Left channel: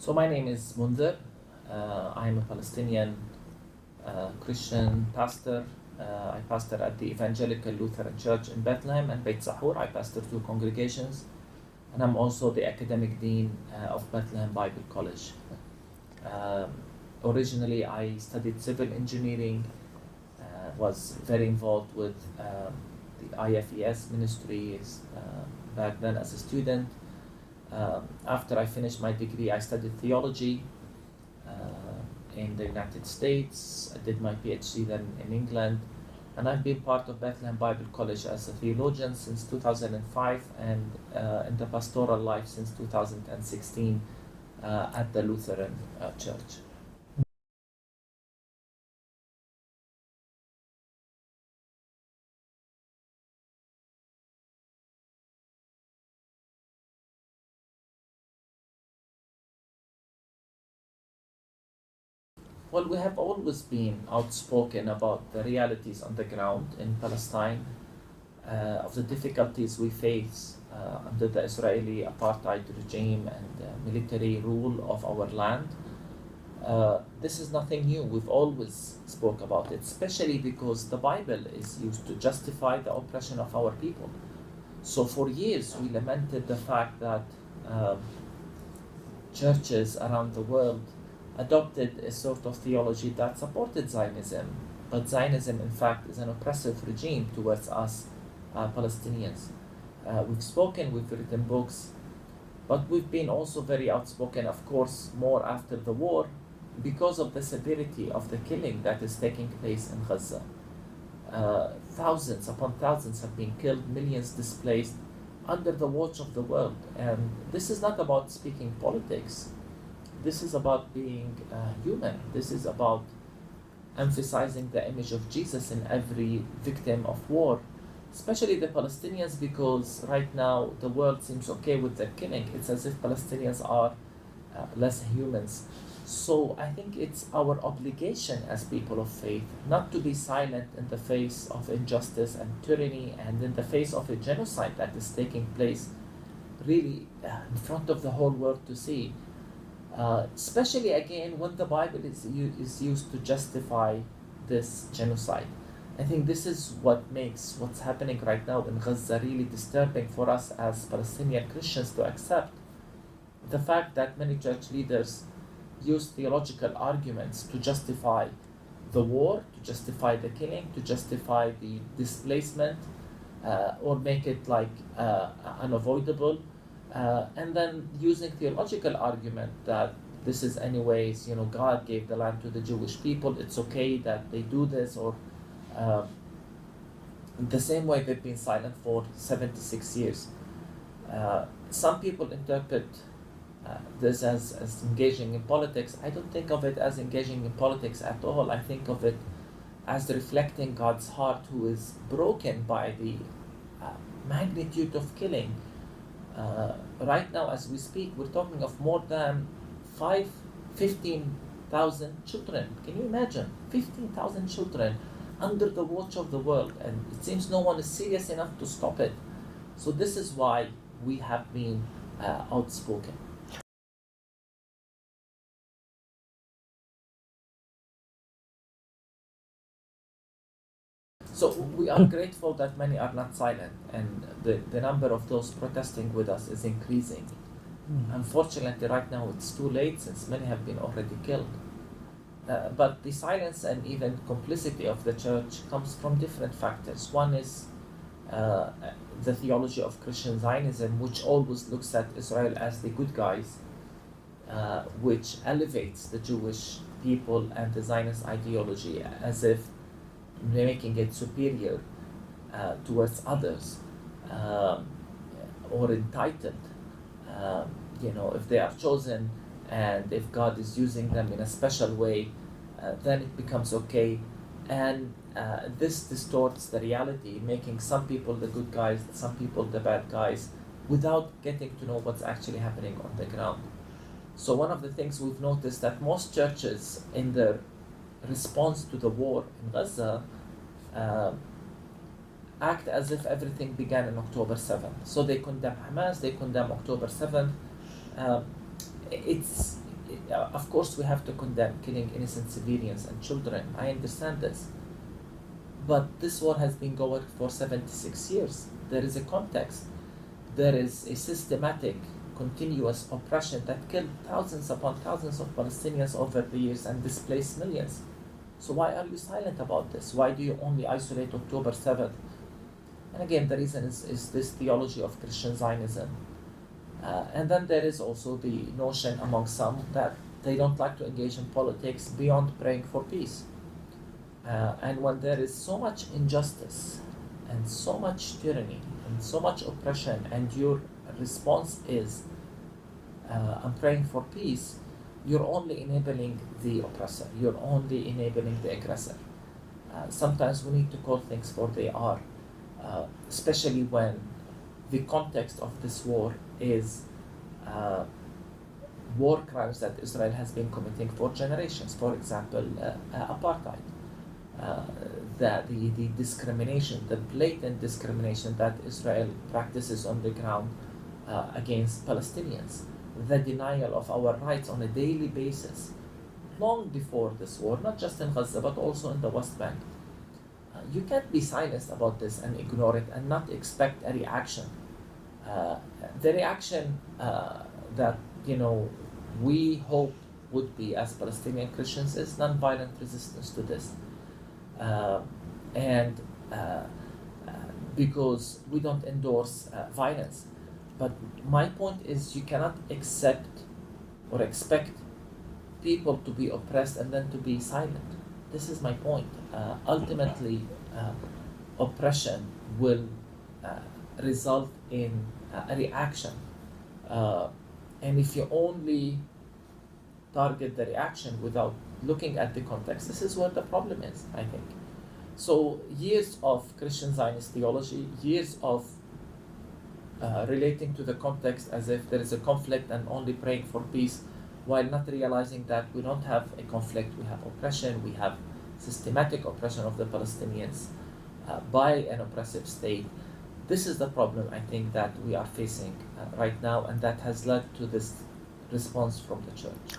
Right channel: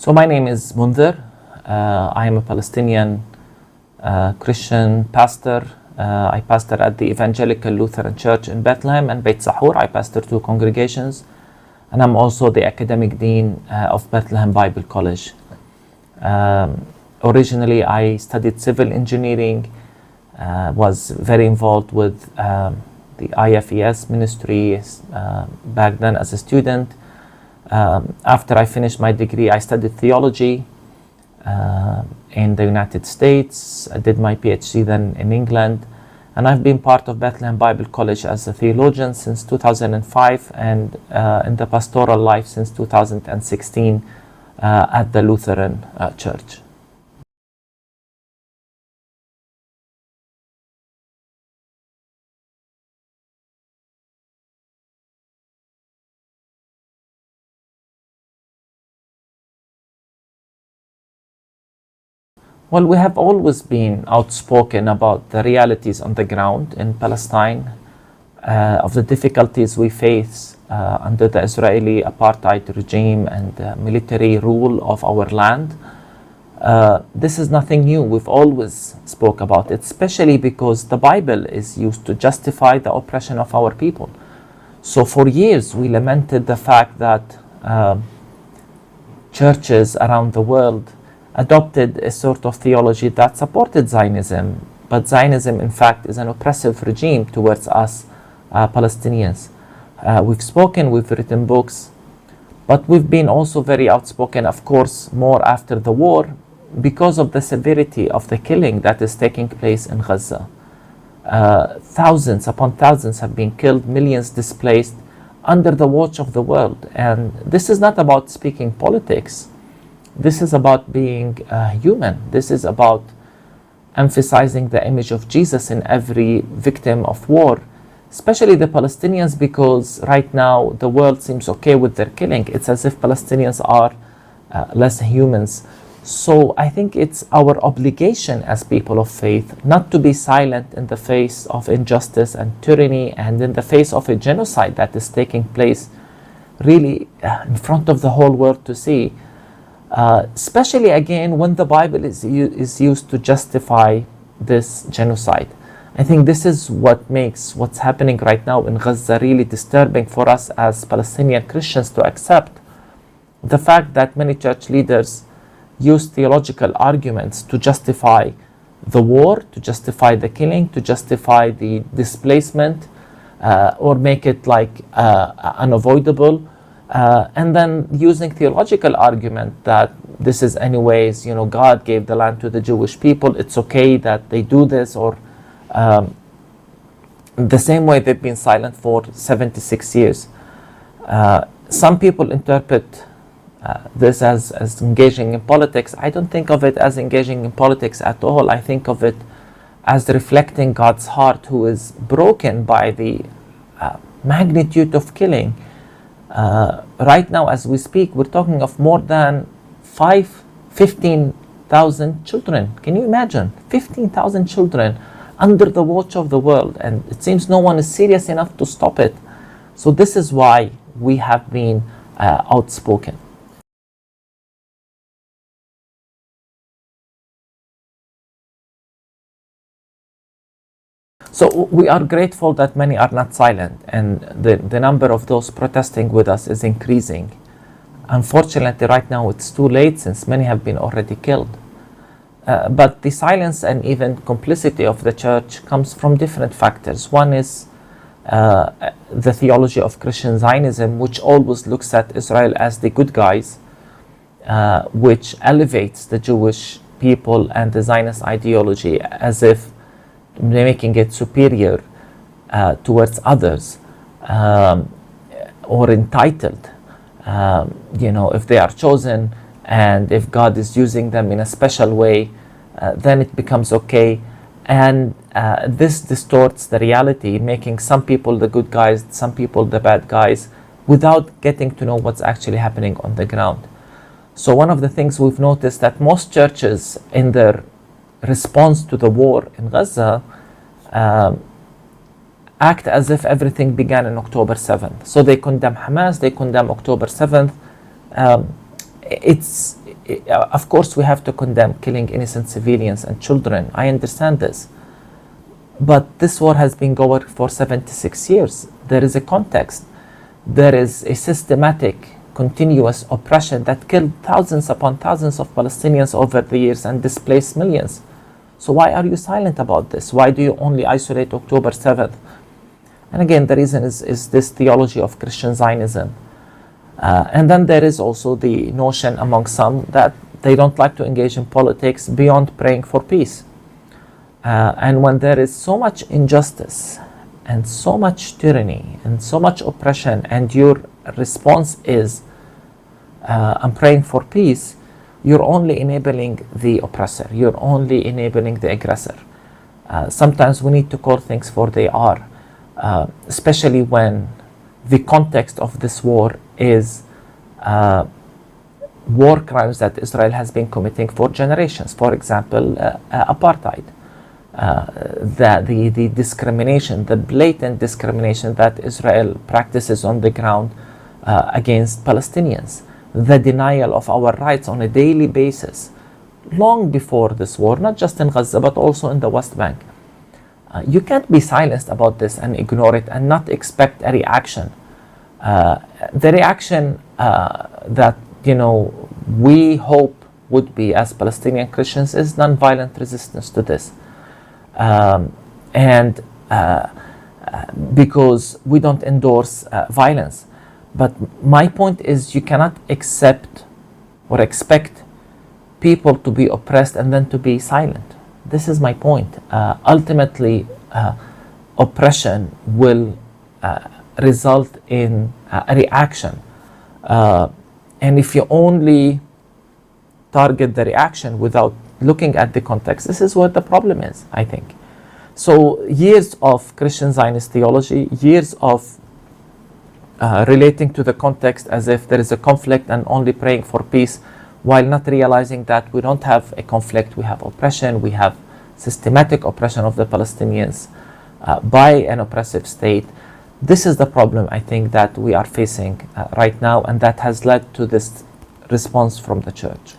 So my name is Munther. I am a Palestinian Christian pastor. I pastor at the Evangelical Lutheran Church in Bethlehem and Beit Sahur. I pastor two congregations. And I'm also the academic dean of Bethlehem Bible College. Originally, I studied civil engineering, was very involved with the IFES ministry back then as a student. After I finished my degree, I studied theology in the United States. I did my PhD then in England. And I've been part of Bethlehem Bible College as a theologian since 2005 and in the pastoral life since 2016 at the Lutheran Church. Well, we have always been outspoken about the realities on the ground in Palestine, of the difficulties we face under the Israeli apartheid regime and military rule of our land. This is nothing new. We've always spoke about it, especially because the Bible is used to justify the oppression of our people. So for years, we lamented the fact that churches around the world adopted a sort of theology that supported Zionism, but Zionism in fact is an oppressive regime towards us Palestinians. We've spoken, we've written books, but we've been also very outspoken, of course, more after the war because of the severity of the killing that is taking place in Gaza. Thousands upon thousands have been killed, millions displaced under the watch of the world. And this is not about speaking politics. This is about being human. This is about emphasizing the image of Jesus in every victim of war, especially the Palestinians, because right now the world seems okay with their killing. It's as if Palestinians are less humans. So I think it's our obligation as people of faith not to be silent in the face of injustice and tyranny and in the face of a genocide that is taking place really in front of the whole world to see. Especially again when the Bible is used to justify this genocide. I think this is what makes what's happening right now in Gaza really disturbing for us as Palestinian Christians to accept. The fact that many church leaders use theological arguments to justify the war, to justify the killing, to justify the displacement, or make it like unavoidable. And then using theological argument that this is anyways, God gave the land to the Jewish people. It's okay that they do this, or the same way they've been silent for 76 years. Some people interpret this as engaging in politics. I don't think of it as engaging in politics at all. I think of it as reflecting God's heart, who is broken by the magnitude of killing. Right now, as we speak, we're talking of more than 15,000 children. Can you imagine? 15,000 children under the watch of the world, and it seems no one is serious enough to stop it. So this is why we have been outspoken. So we are grateful that many are not silent, and the number of those protesting with us is increasing. Unfortunately, right now it's too late since many have been already killed. But the silence and even complicity of the church comes from different factors. One is the theology of Christian Zionism, which always looks at Israel as the good guys, which elevates the Jewish people and the Zionist ideology as if making it superior towards others, or entitled. If they are chosen and if God is using them in a special way, then it becomes okay. And this distorts the reality, making some people the good guys, some people the bad guys, without getting to know what's actually happening on the ground. So one of the things we've noticed that most churches in their response to the war in Gaza act as if everything began on October 7th. So they condemn Hamas, they condemn October 7th. of course, we have to condemn killing innocent civilians and children. I understand this. But this war has been going for 76 years. There is a context. There is a systematic, continuous oppression that killed thousands upon thousands of Palestinians over the years and displaced millions. So why are you silent about this? Why do you only isolate October 7th? And again, the reason is this theology of Christian Zionism. And then there is also the notion among some that they don't like to engage in politics beyond praying for peace. And when there is so much injustice and so much tyranny and so much oppression, and your response is, I'm praying for peace, you're only enabling the oppressor. You're only enabling the aggressor. Sometimes we need to call things for they are, especially when the context of this war is war crimes that Israel has been committing for generations. For example, apartheid. The discrimination, the blatant discrimination that Israel practices on the ground against Palestinians, the denial of our rights on a daily basis, long before this war, not just in Gaza, but also in the West Bank. You can't be silenced about this and ignore it and not expect a reaction. The reaction that we hope would be as Palestinian Christians is nonviolent resistance to this. Because we don't endorse violence. But my point is, you cannot accept or expect people to be oppressed and then to be silent. This is my point. Ultimately, oppression will result in a reaction. And if you only target the reaction without looking at the context, this is where the problem is, I think. So years of Christian Zionist theology, years of relating to the context as if there is a conflict and only praying for peace, while not realizing that we don't have a conflict, we have oppression, we have systematic oppression of the Palestinians by an oppressive state. This is the problem, I think, that we are facing right now, and that has led to this response from the church.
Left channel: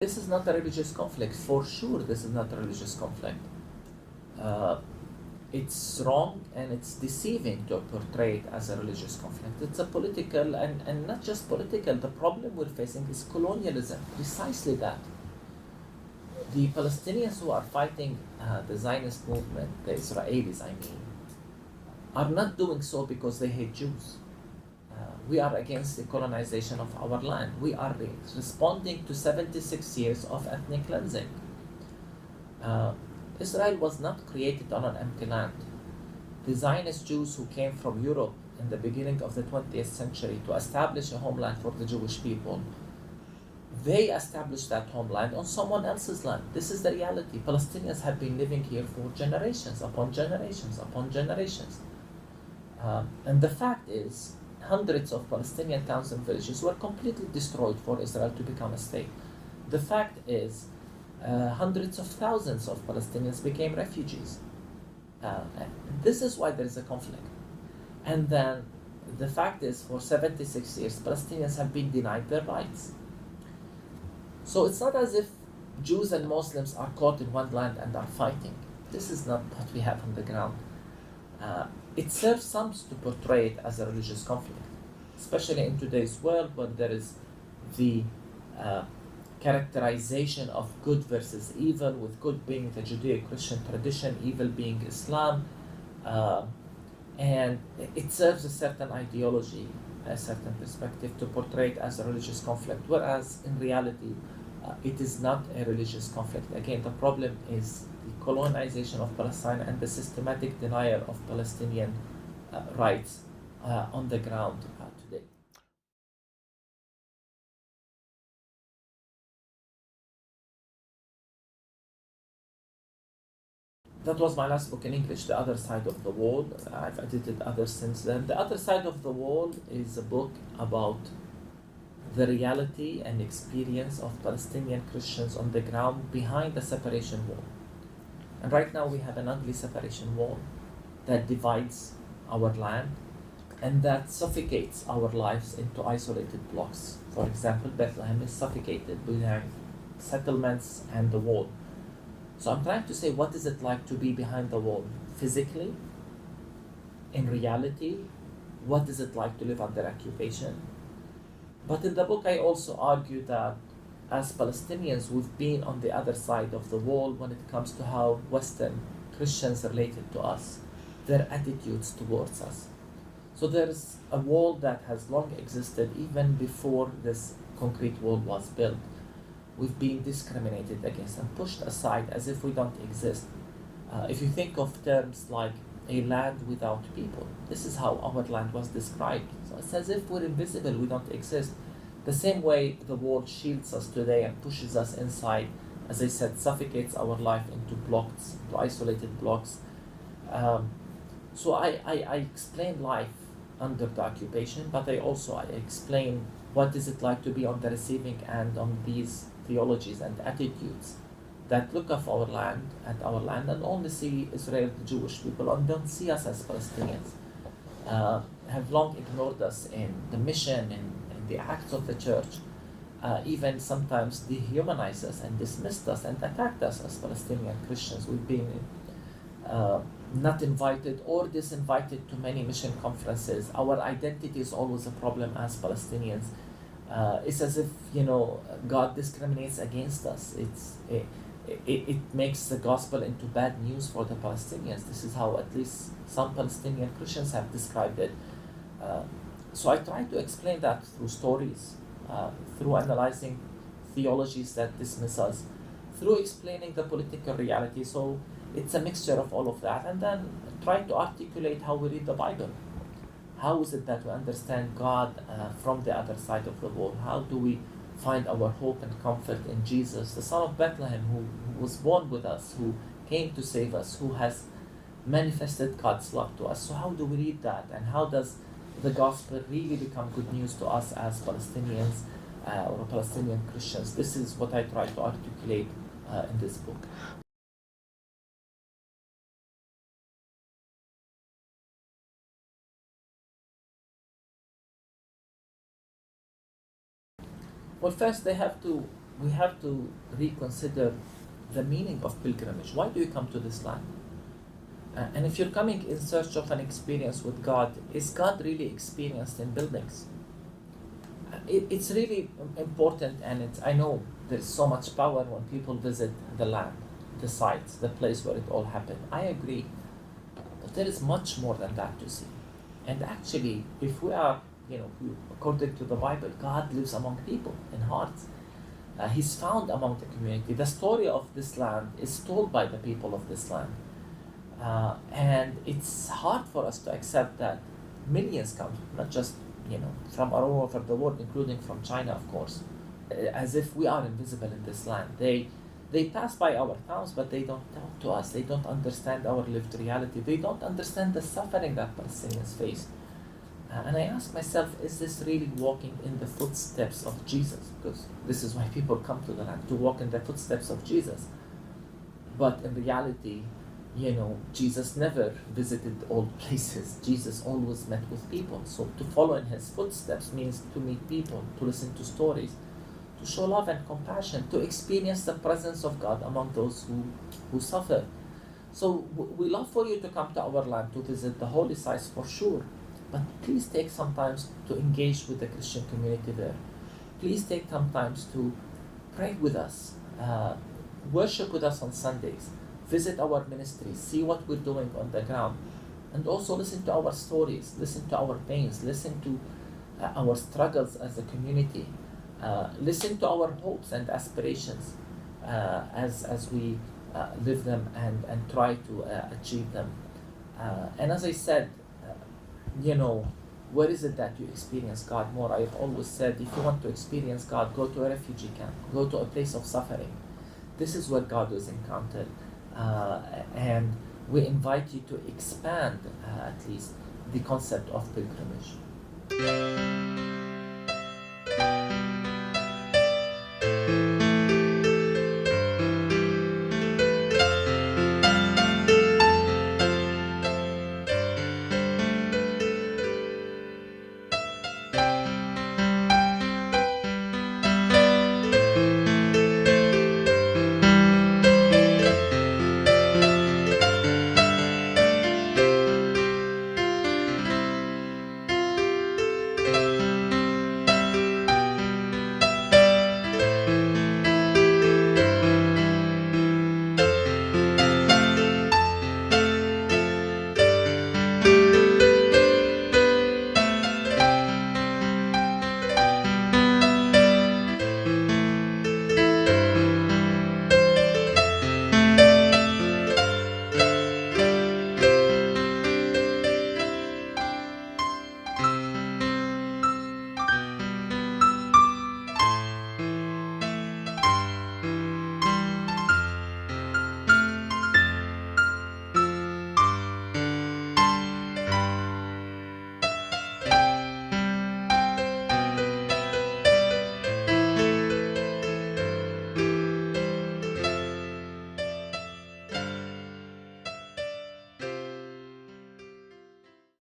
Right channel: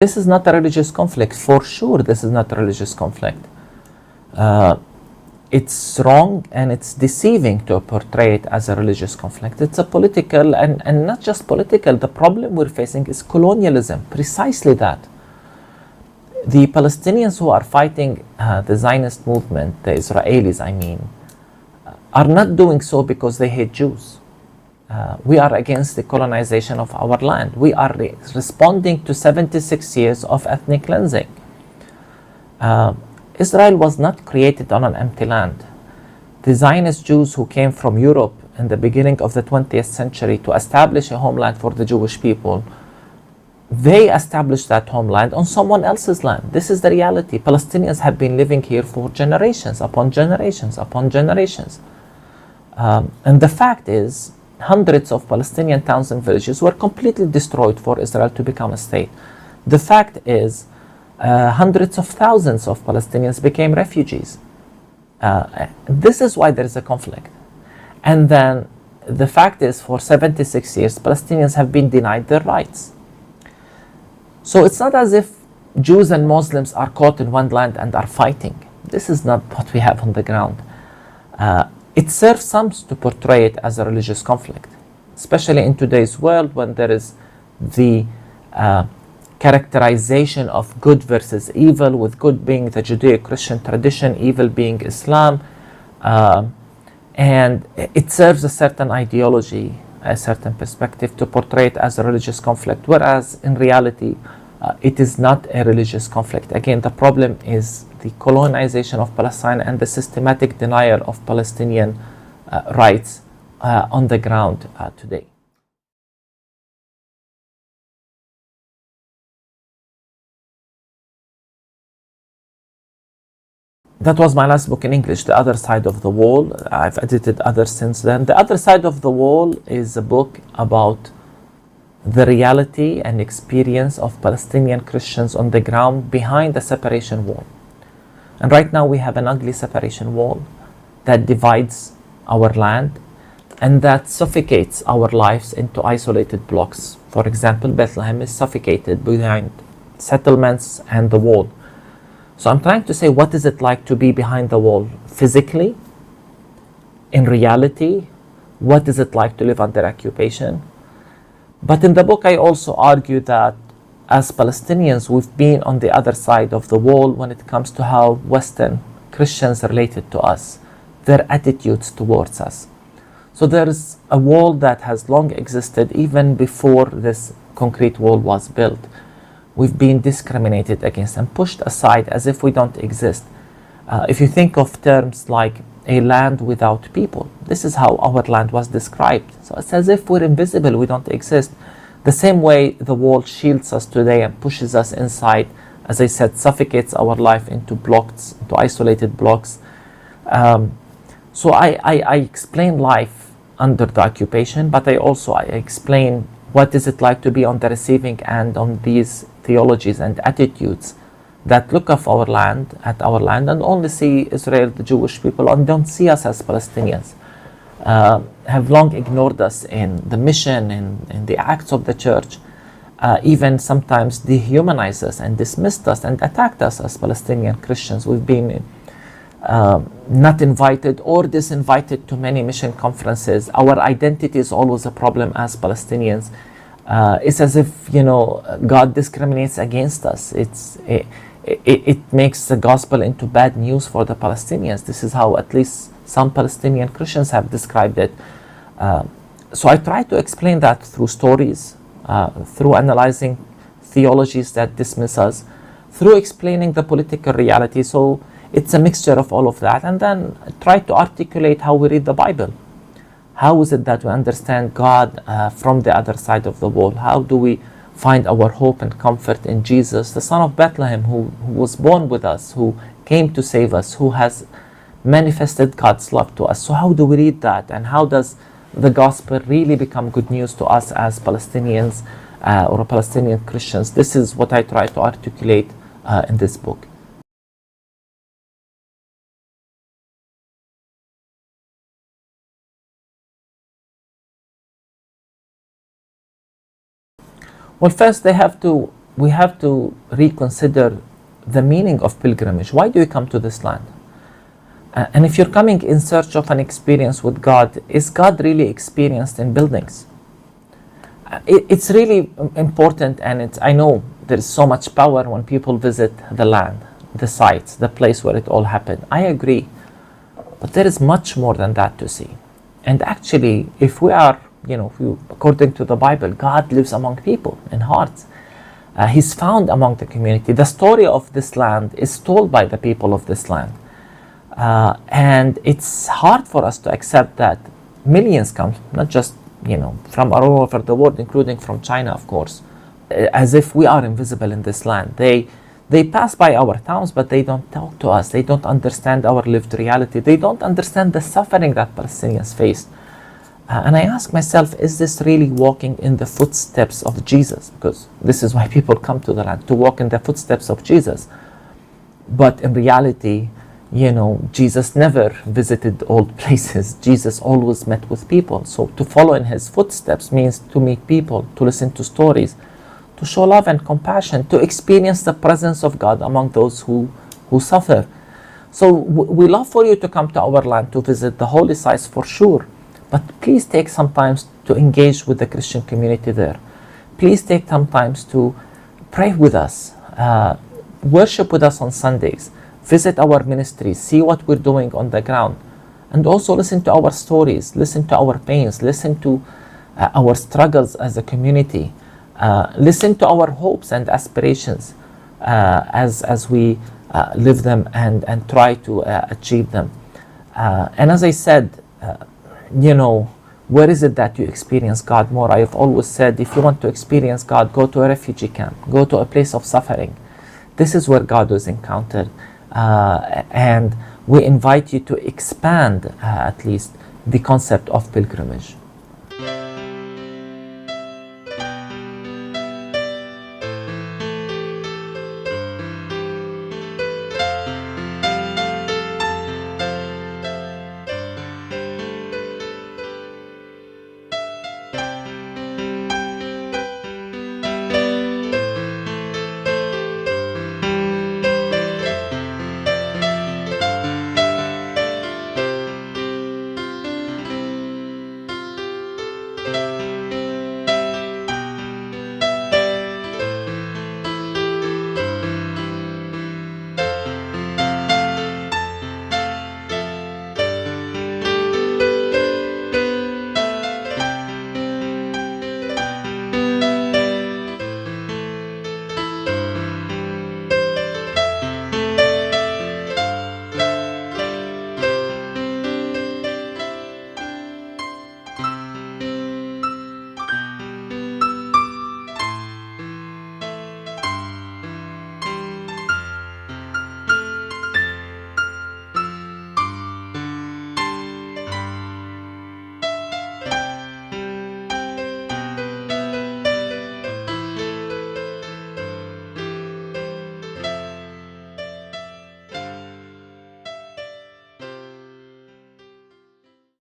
This is not a religious conflict. For sure, this is not a religious conflict. It's wrong and it's deceiving to portray it as a religious conflict. It's a political, and not just political. The problem we're facing is colonialism, precisely that. The Palestinians who are fighting the Zionist movement, the Israelis, I mean, are not doing so because they hate Jews. We are against the colonization of our land. We are responding to 76 years of ethnic cleansing. Israel was not created on an empty land. The Zionist Jews who came from Europe in the beginning of the 20th century to establish a homeland for the Jewish people, they established that homeland on someone else's land. This is the reality. Palestinians have been living here for generations upon generations upon generations. And the fact is, hundreds of Palestinian towns and villages were completely destroyed for Israel to become a state. The fact is, hundreds of thousands of Palestinians became refugees. This is why there is a conflict. And then the fact is, for 76 years, Palestinians have been denied their rights. So it's not as if Jews and Muslims are caught in one land and are fighting. This is not what we have on the ground. It serves some to portray it as a religious conflict, especially in today's world when there is the characterization of good versus evil, with good being the Judeo-Christian tradition, evil being Islam. And it serves a certain ideology, a certain perspective to portray it as a religious conflict, whereas in reality, it is not a religious conflict. Again, the problem is the colonization of Palestine and the systematic denial of Palestinian rights on the ground today. That was my last book in English, The Other Side of the Wall. I've edited others since then. The Other Side of the Wall is a book about the reality and experience of Palestinian Christians on the ground behind the separation wall. And right now we have an ugly separation wall that divides our land and that suffocates our lives into isolated blocks. For example, Bethlehem is suffocated behind settlements and the wall. So I'm trying to say, what is it like to be behind the wall physically, in reality? What is it like to live under occupation? But in the book, I also argue that as Palestinians, we've been on the other side of the wall when it comes to how Western Christians related to us, their attitudes towards us. So there's a wall that has long existed even before this concrete wall was built. We've been discriminated against and pushed aside as if we don't exist. If you think of terms like a land without people, this is how our land was described. So it's as if we're invisible, we don't exist. The same way the wall shields us today and pushes us inside, as I said, suffocates our life into blocks, into isolated blocks. So I explain life under the occupation, but I explain what is it like to be on the receiving end on these theologies and attitudes that look at our land and only see Israel, the Jewish people, and don't see us as Palestinians. Have long ignored us in the mission, in the acts of the church, even sometimes dehumanized us and dismissed us and attacked us as Palestinian Christians. We've been not invited or disinvited to many mission conferences. Our identity is always a problem as Palestinians. It's as if, God discriminates against us. It makes the gospel into bad news for the Palestinians. This is how at least some Palestinian Christians have described it. So I try to explain that through stories, through analyzing theologies that dismiss us, through explaining the political reality. So it's a mixture of all of that, and then try to articulate how we read the Bible. How is it that we understand God from the other side of the wall? How do we find our hope and comfort in Jesus, the Son of Bethlehem, who was born with us, who came to save us, who has manifested God's love to us? So how do we read that, and how does the gospel really become good news to us as Palestinians or Palestinian Christians? This is what I try to articulate in this book. Well, first we have to reconsider the meaning of pilgrimage. Why do you come to this land? And if you're coming in search of an experience with God, is God really experienced in buildings? It's really important, and I know there is so much power when people visit the land, the sites, the place where it all happened. I agree, but there is much more than that to see. And actually, if we are, according to the Bible, God lives among people in hearts. He's found among the community. The story of this land is told by the people of this land. And it's hard for us to accept that millions come, not just, from all over the world, including from China, of course, as if we are invisible in this land. They pass by our towns, but they don't talk to us. They don't understand our lived reality. They don't understand the suffering that Palestinians face. And I ask myself, is this really walking in the footsteps of Jesus? Because this is why people come to the land, to walk in the footsteps of Jesus. But in reality, Jesus never visited old places. Jesus always met with people. So to follow in his footsteps means to meet people, to listen to stories, to show love and compassion, to experience the presence of God among those who suffer. So we love for you to come to our land to visit the holy sites for sure. But please take some time to engage with the Christian community there. Please take some time to pray with us, worship with us on Sundays, visit our ministries, see what we're doing on the ground, and also listen to our stories, listen to our pains, listen to our struggles as a community, listen to our hopes and aspirations as we live them and try to achieve them. And as I said, where is it that you experience God more? I have always said, if you want to experience God, go to a refugee camp, go to a place of suffering. This is where God was encountered. And we invite you to expand, at least, the concept of pilgrimage.